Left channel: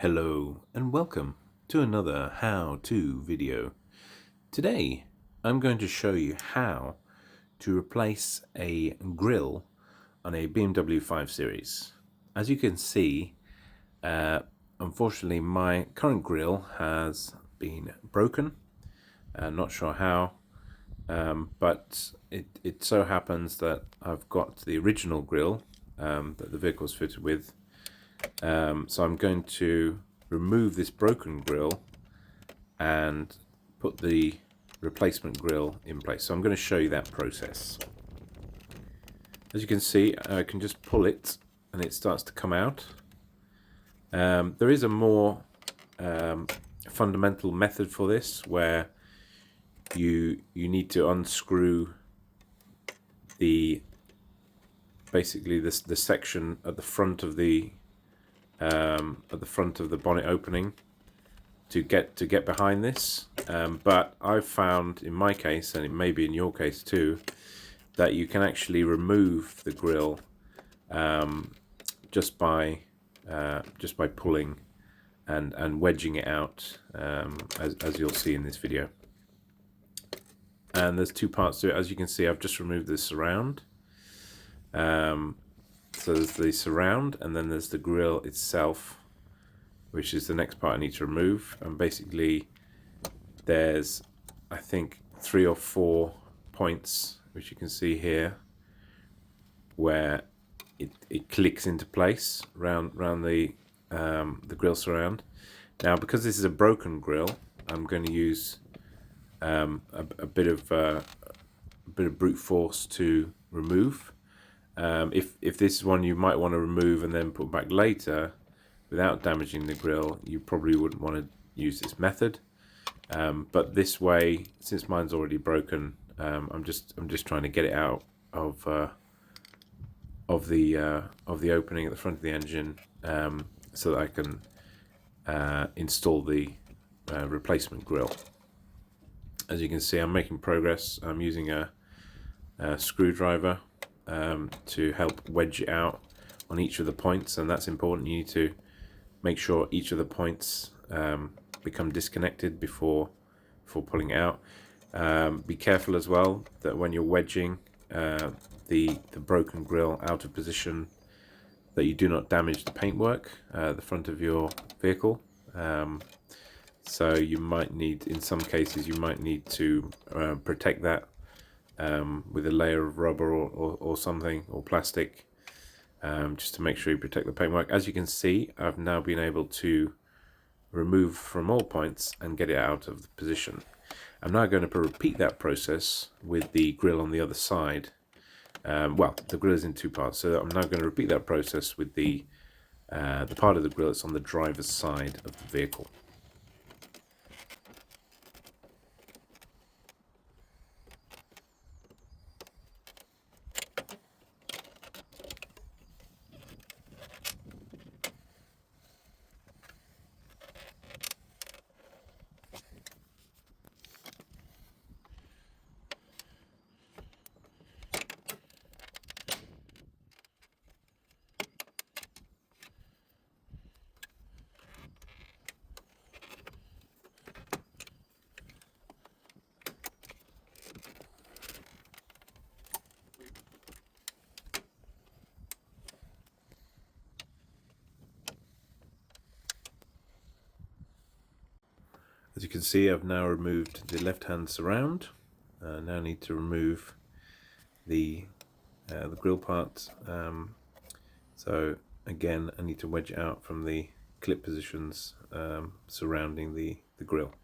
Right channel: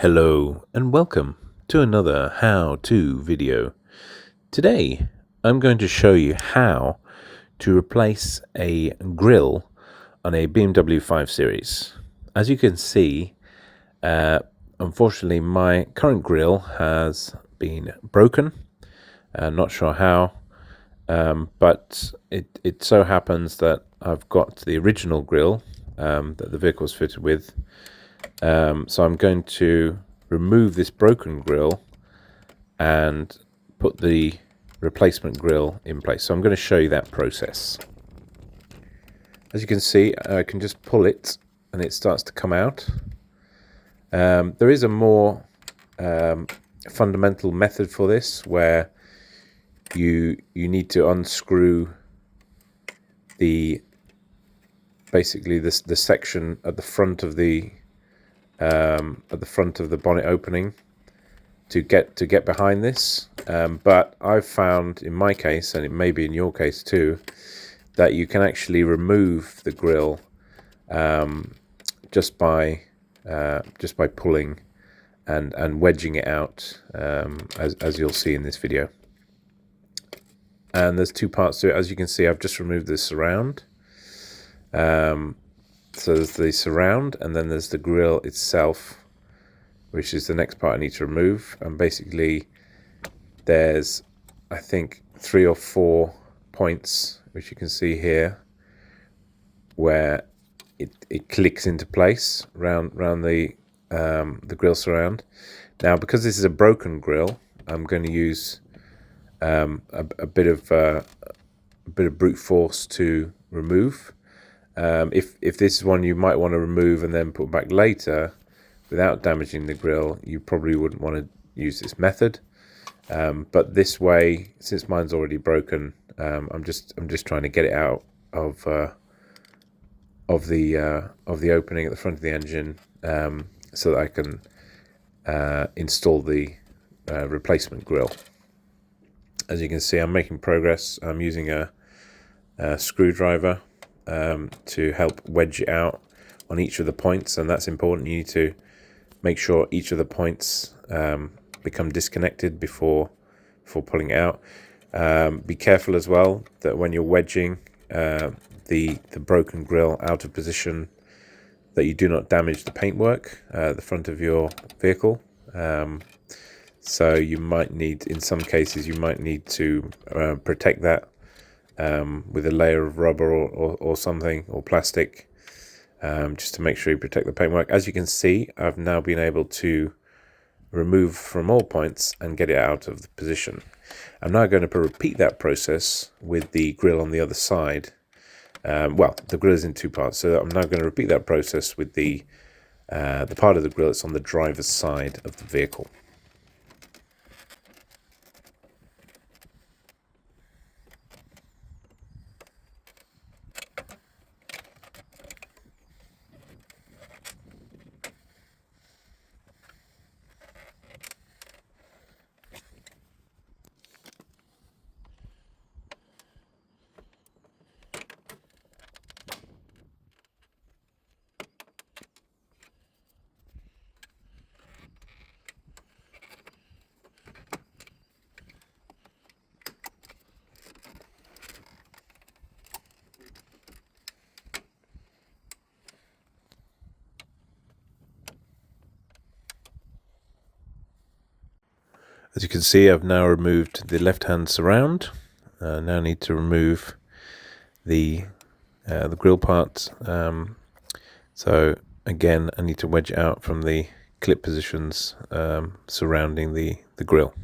Hello and welcome to another how-to video. Today I'm going to show you how to replace a grille on a BMW 5 Series. As you can see, unfortunately my current grille has been broken. Not sure how, but it so happens that I've got the original grille that the vehicle was fitted with. So I'm going to remove this broken grille and put the replacement grille in place. So I'm going to show you that process. As you can see, I can just pull it and it starts to come out. There is a more fundamental method for this where you need to unscrew basically the section at the front of the bonnet opening to get behind this, but I've found in my case, and it may be in your case too, that you can actually remove the grille just by pulling and wedging it out, as you'll see in this video. And there's two parts to it. As you can see, I've just removed the surround. So there's the surround, and then there's the grille itself, which is the next part I need to remove. And basically there's, I think, 3 or 4 points, which you can see here, where it clicks into place round the grille surround. Now, because this is a broken grille, I'm going to use a bit of brute force to remove. If this is one you might want to remove and then put back later without damaging the grille, you probably wouldn't want to use this method. But this way, since mine's already broken, I'm just trying to get it out of the opening at the front of the engine, so that I can install the replacement grille. As you can see, I'm making progress. I'm using a screwdriver to help wedge it out on each of the points, and that's important. You need to make sure each of the points become disconnected before pulling it out. Be careful as well that when you're wedging the broken grille out of position, that you do not damage the paintwork at the front of your vehicle. So you might need, in some cases, you might need to protect that with a layer of rubber or something, or plastic, just to make sure you protect the paintwork. As you can see, I've now been able to remove from all points and get it out of the position. I'm now going to repeat that process with the grille on the other side. Well, the grille is in 2 parts, so I'm now going to repeat that process with the part of the grille that's on the driver's side of the vehicle. As you can see, I've now removed the left-hand surround. Now need to remove the grille part. So again, I need to wedge it out from the clip positions surrounding the grille.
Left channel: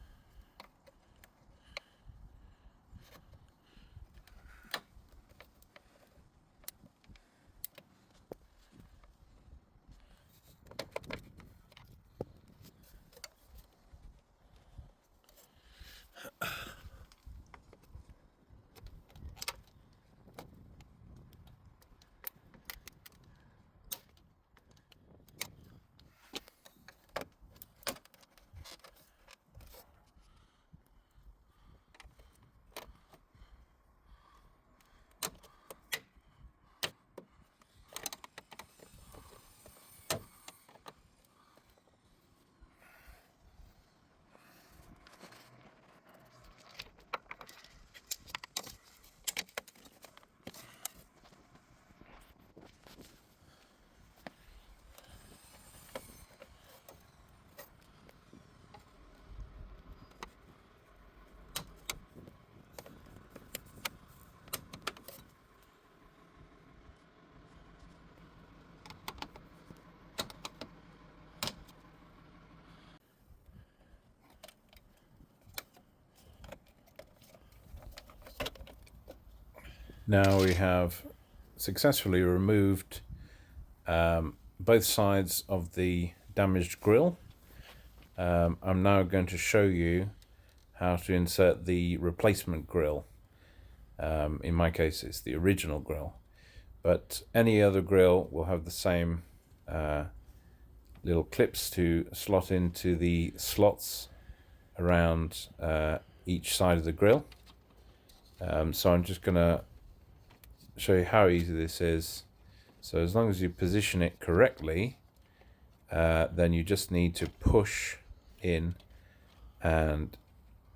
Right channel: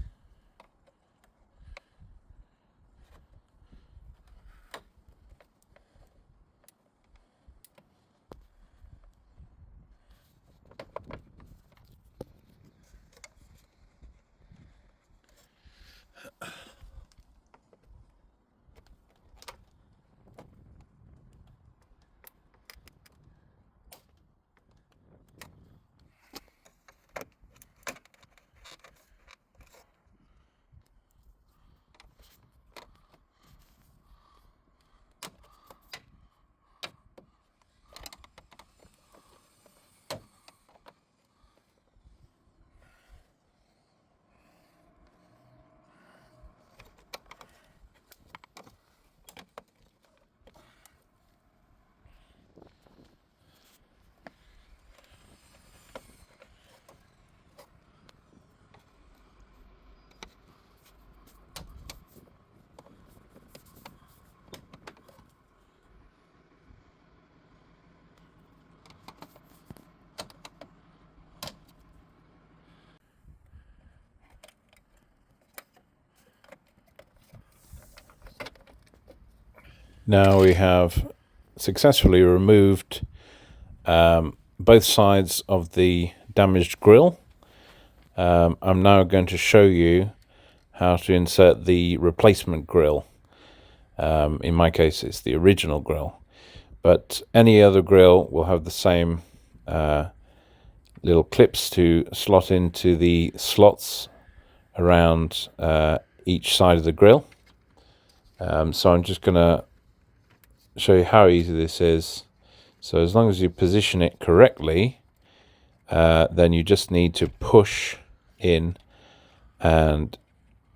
Now we have successfully removed both sides of the damaged grille. I'm now going to show you how to insert the replacement grille. In my case, it's the original grille, but any other grille will have the same little clips to slot into the slots around each side of the grille. So I'm just going to show you how easy this is. So as long as you position it correctly, then you just need to push in and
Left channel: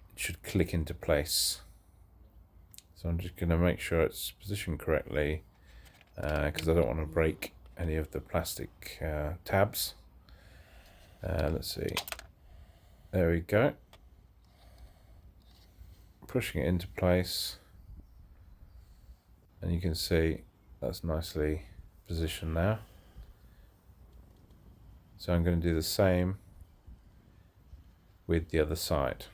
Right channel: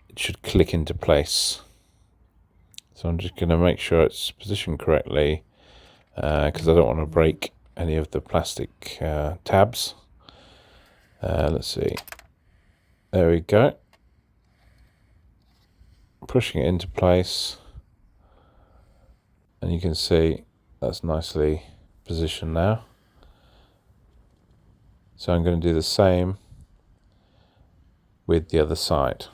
it should click into place. So I'm just going to make sure it's positioned correctly because I don't want to break any of the plastic tabs. Let's see. There we go. Pushing it into place, and you can see that's nicely positioned now. So I'm going to do the same with the other side.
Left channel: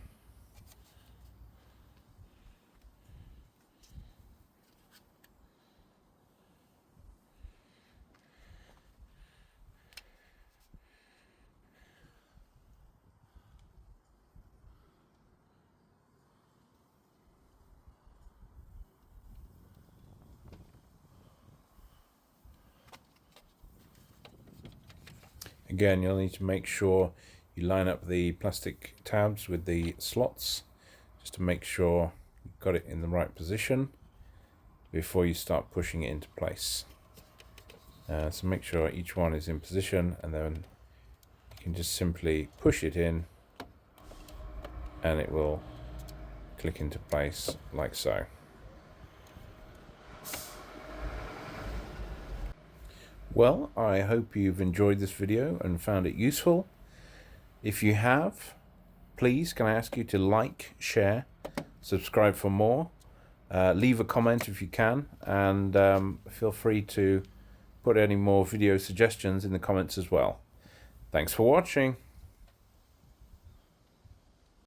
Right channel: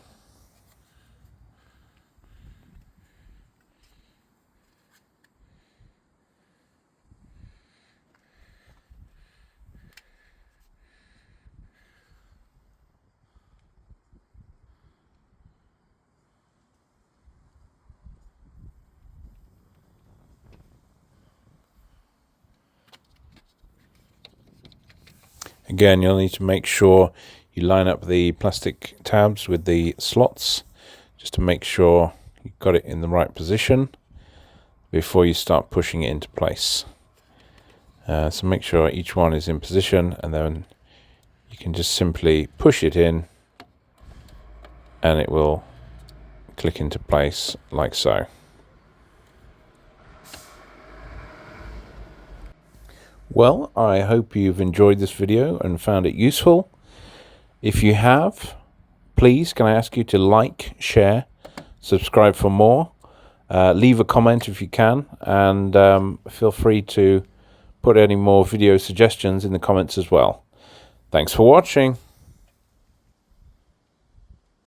Again, you'll need to make sure you line up the plastic tabs with the slots, just to make sure you've got it in the right position before you start pushing it into place. So make sure each one is in position, and then you can just simply push it in and it will click into place like so. Well, I hope you've enjoyed this video and found it useful. If you have, please can I ask you to like, share, subscribe for more, leave a comment if you can, and feel free to put any more video suggestions in the comments as well. Thanks for watching.